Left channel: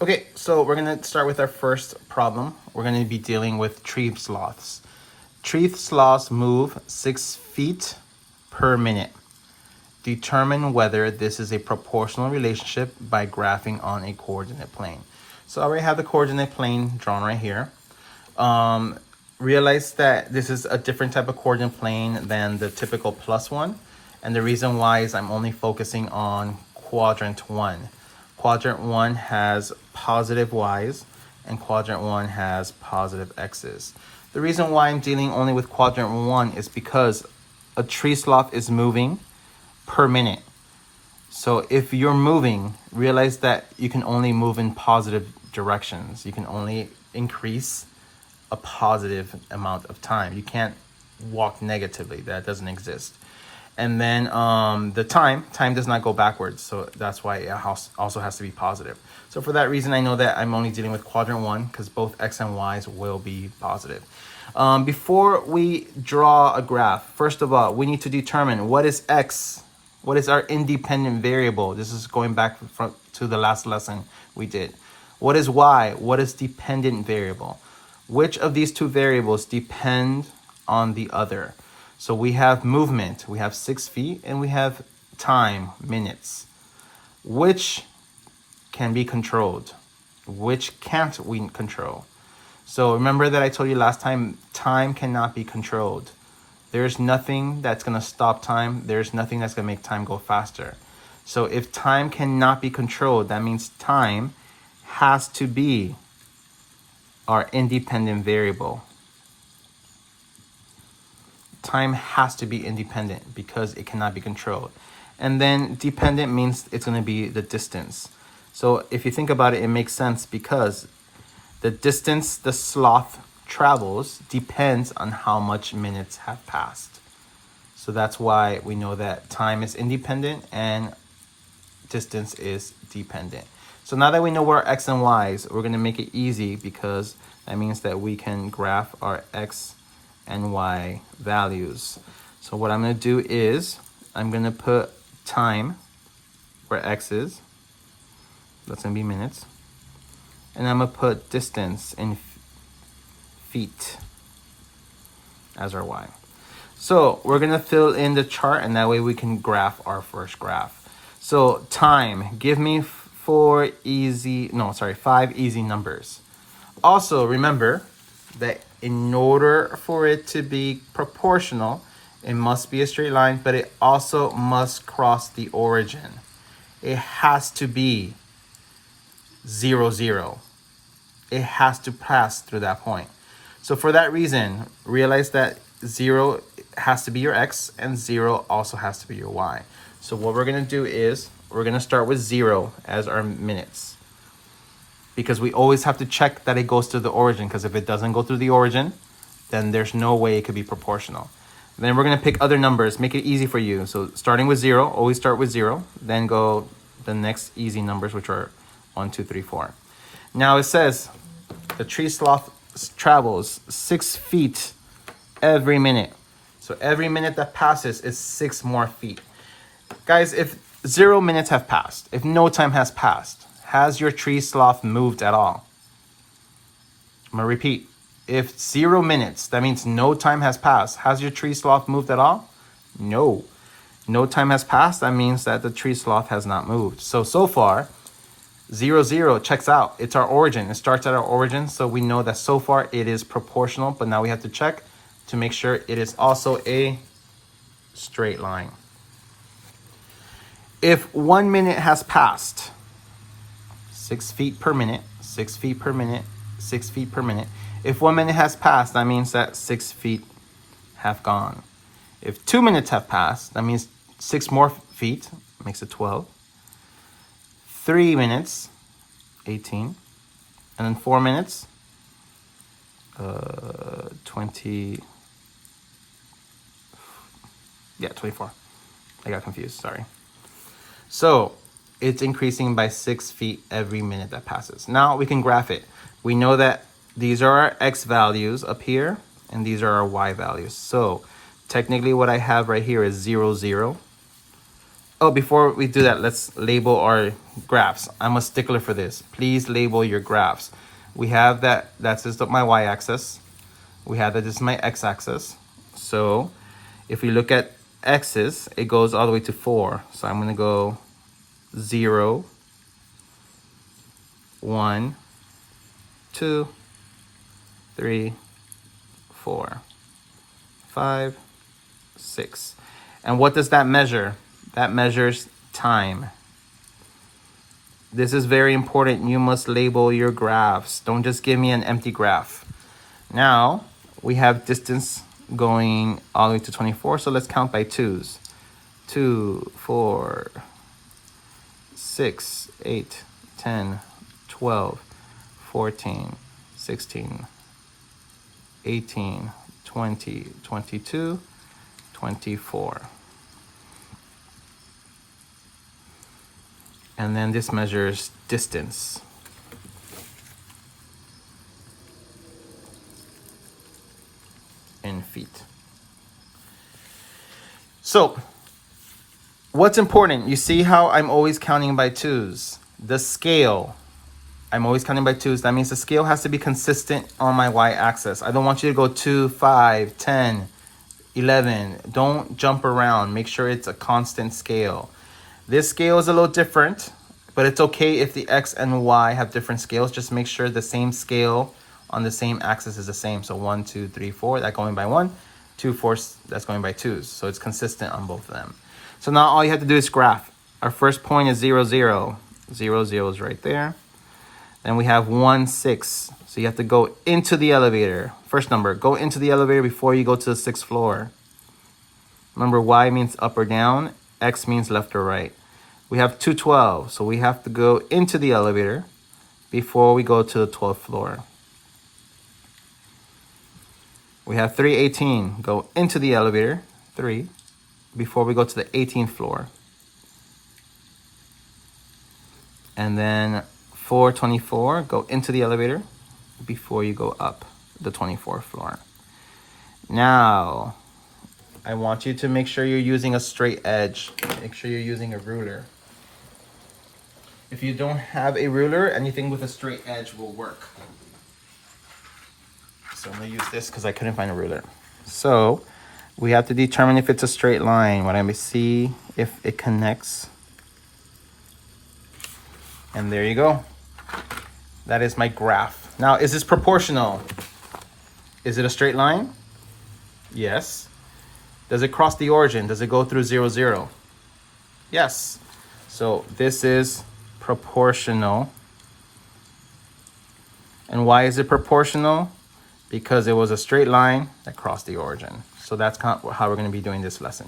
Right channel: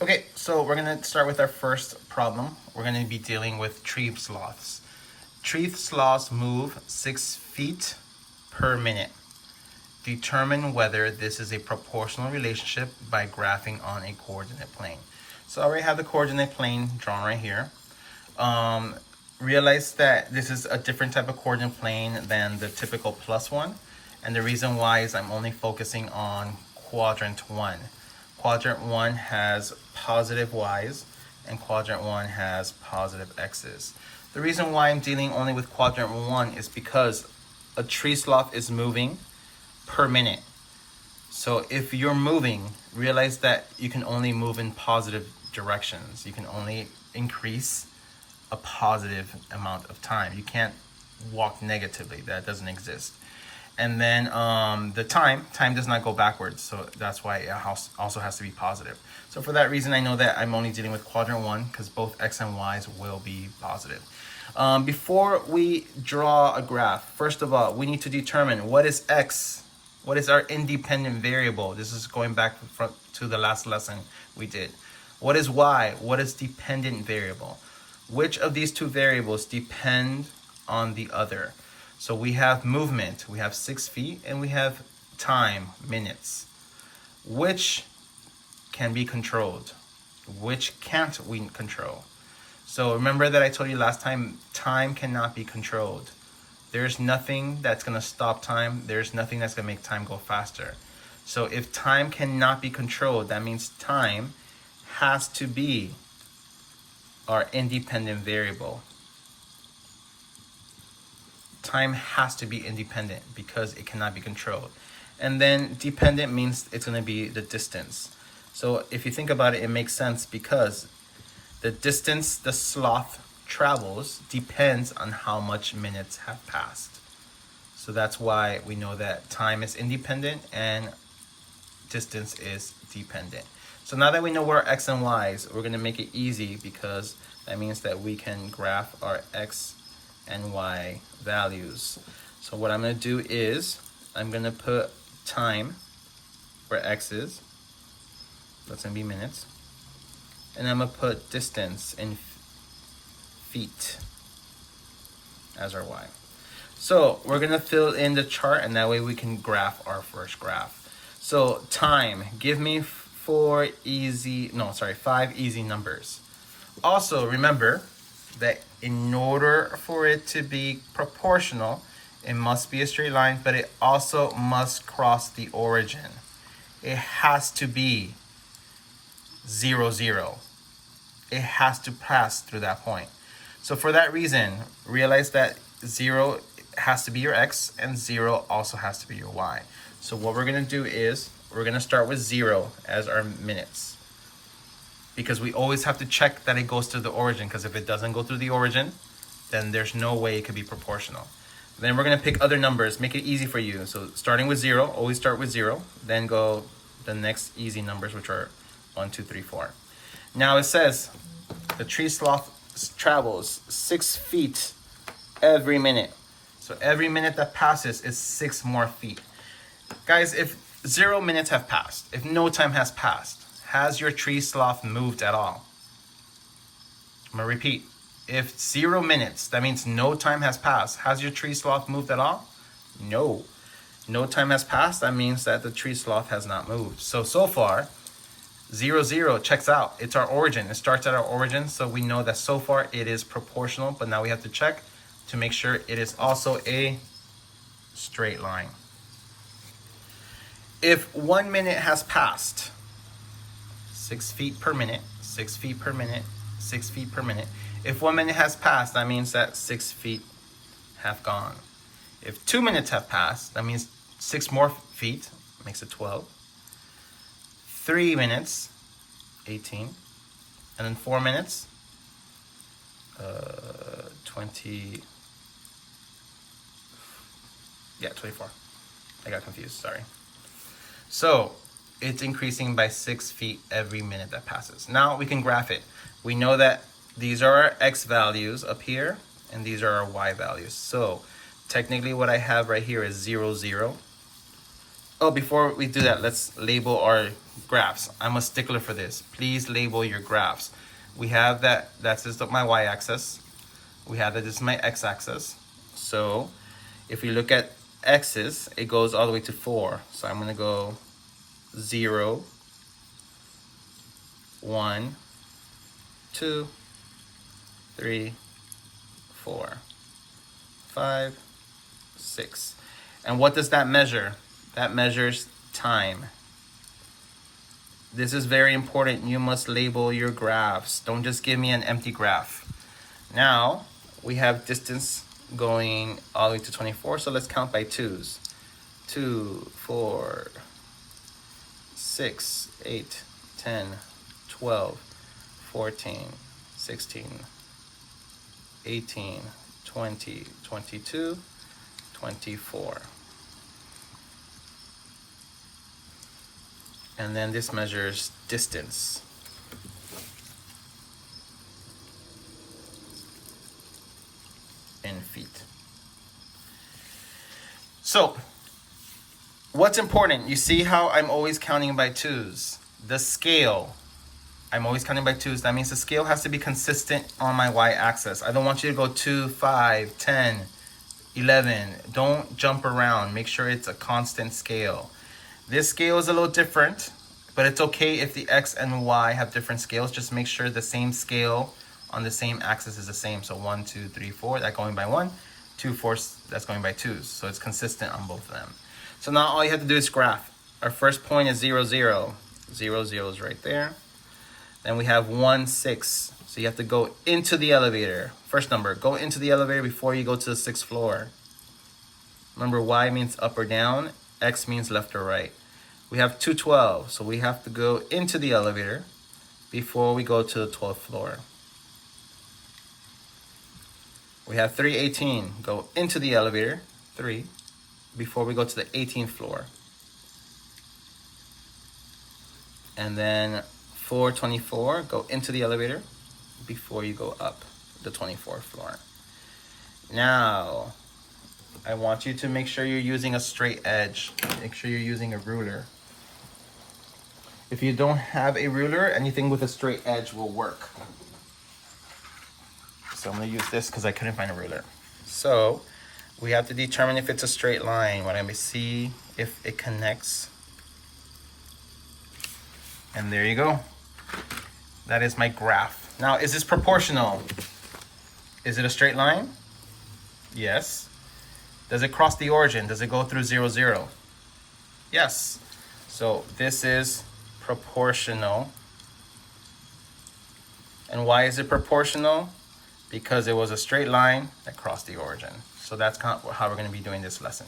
Okay, so we're gonna start with our first problem. We're gonna be dealing with tree sloths. Tree sloths move 6 feet per minute. Determine whether this is a proportional relationship by graphing on a coordinate plane. So I already have the coordinate plane drawn right here. Realize that this is a different type of coordinate plane than the typical plus one. And the reason why is I'm only focusing on quadrant one. Quadrant one has positive y's and quadrant one has positive x's. The reason why I'm dealing only with quadrant one is because a tree sloth is moving per minute. So if you're moving, realize that you can only move in positive directions. You can only increase a positive amount of time. You can't walk negatively. That doesn't exist. And then the time does not go backwards. So that's why it also has to be positive. So for that reason, I know that I'm only dealing with quadrant one because both x and y's will be positive. Before we draw a graph, first of all, we need to determine what is x, what is our independent variable. This is going back to the last lesson we did. What is y? What is dependent variable? Which of these two variables depend on the other? So we have movement, we have 6 feet, and we have time, minutes. Which can be controlled? Which can't we control? So remember that I told you last time, time cannot be controlled. There's nothing that's gonna stop time. There's nothing that's gonna make time go faster. So if time cannot be controlled, that means time has to be our independent variable. Time has to be independent because it cannot be controlled. And then dependent means it's going to be the distance. So if you think about it, it makes sense because the distance the sloth travels depends on how much minutes have passed. So that's why we know that time is independent and distance is dependent. So now that we know where our x and y's, we're going to make it easy because that means that we can graph our x and y values. So what I'm going to do is I'm going to put time where x is. That's going to be minutes. And I'm going to put distance in feet as our y. So we're going to fill in the chart and that way we can graph our first graph. So time, give me 5 easy numbers. Also remember that in order for it to be proportional, it must be a straight line, but it also must cross the origin. It has to be 0, 0. It has to pass through that point. So for that reason, realize that 0 has to be your x and 0 also has to be your y. So what we're gonna do is we're gonna start with 0 as our minutes, because we always have to check that it goes to the origin, because if it doesn't go through the origin, then there's no way it could be proportional. And then we're gonna pick other numbers, make it easy for you. So starting with 0, always start with 0, then go the next easy numbers, which are 1, 2, 3, 4. Now it says the tree sloth travels 6 feet every minute. So every minute that passes is 6 more feet. Guys, if 0 minutes have passed, if no time has passed, has your tree sloth moved at all? I'm gonna repeat. If 0 minutes, that means no time has passed, has your tree sloth moved at all? No. No time has passed, that means that the tree sloth has not moved. So far, 0, 0 checks out. It's our origin. It starts at our origin, so we know that so far it is proportional, but now we have to check to make sure it is also a straight line. If 1 minute has passed, 6 feet per minute, 6 feet per minute, 6 feet per minute. If 1 minute has passed, that means that 6 feet have gone. If 2 minutes have passed, that means 6 more feet, makes it 12. 3 minutes, 18. And then 4 minutes, 20. Yeah, 24. I got confused, sorry. So it's increasing by 6 feet every minute that passes. Now we can graph it. We know that these are our x values up here, and these are our y values. So technically what I have right here is 0, 0. Oh, before we do that, let's label our graphs. I'm a stickler for this. Please label your graphs. We have that's just my y-axis. We have that this is my x-axis. So if we look at x's, it goes all the way to 4. So I'm gonna go 0, 1, 2, 3, 4, 5, 6. And what does that measure? That measures time. This is very important. You must label your graphs. Don't just give me an empty graph. Now, we have distance going all the way to 24, so let's count by 2s. 2, 4, 6, 8, 10, 12, 14, 16, 18, 20, 22, 24. And then this measures distance. In feet. So, what's important? You see how I'm always counting by 2s. The scale, I'm always counting by 2s. That means the scale has to be consistent on my y-axis. I don't want you to go 2, 5, 10, 11. Don't jump around. Make sure it's a constant scale. This scale is a little different, but it's okay if the x and y have different scales. Just make sure the same scale on the same axis is the same. So 1, 2, 3, 4, that's going by 1. 2, 4, that's going by 2s. So it's consistent on both of them. So now all you have to do is graph. Our first point is 0, 0. 0, 0 is right there. Then we have 1, 6. So you have to go into the elevator. First number, go into the elevator before you go to the 6th floor. Remember, y means up or down. X means left or right. We have 212, so we have to go into the elevator before we go to the 12th floor. We have 318, go into the elevator, 3, before we go to the 18th floor. And then 424, go into the elevator before you go up the 24th floor. Now, I want you to make sure you're using a straight edge. Make sure you're using a ruler. If you don't have a ruler, anything with a straight edge will work. So I'm gonna use this because I couldn't find a ruler. So we have to determine if it's a straight line. When I see if it connects. And there you go. That is my graph. Now, is this proportional? Is it a straight line? Yes. Does it cross the origin? Does it go through 0, 0? Yes. So this is proportional. And why is it proportional? Because it was a straight line that crossed the origin. So that's how we're going to be doing this lesson.